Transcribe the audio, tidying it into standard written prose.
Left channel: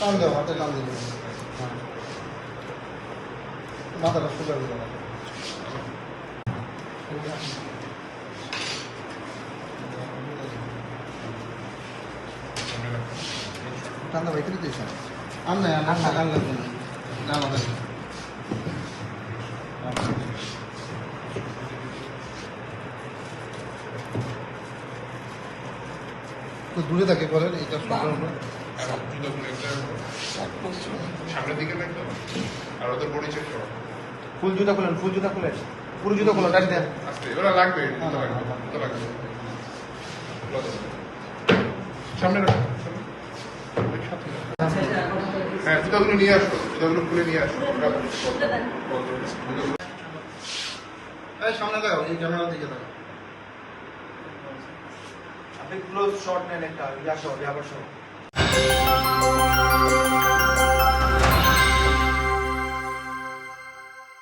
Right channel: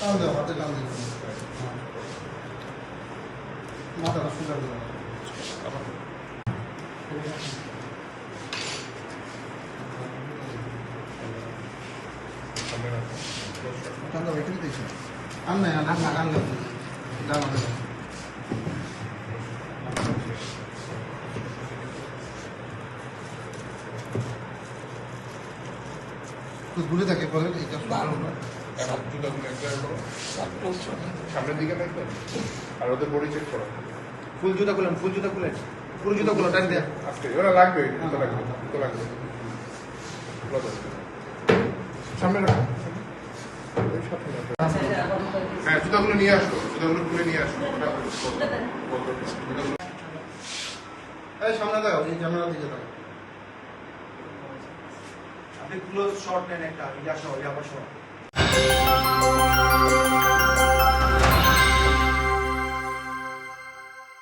হাতে টান দিন, মাথাটা সোজা করে দাও। টানটা রেখে দিতেছ আর না ঢাকা টান লাগবে দূরে থাকে করেন এই কাজ সামনের দিকে রাখতো আর ওদের বডি চেক করো। ফুল জুতা খুলেন, ফুল জুতা খুলেন, ফুল জুতা খুলেন, গাড়ি দেন। ওরা লাগবে, সামনে রাখো। হ্যাঁ, জুতাগুলো নিয়ে আসো, জুতাগুলো খুলে নিয়ে আসো। এই সামনে দাও, এই ক্যামেরা দিকে দাও। আপনি ক্লোজ শট নেন একটা, যাবো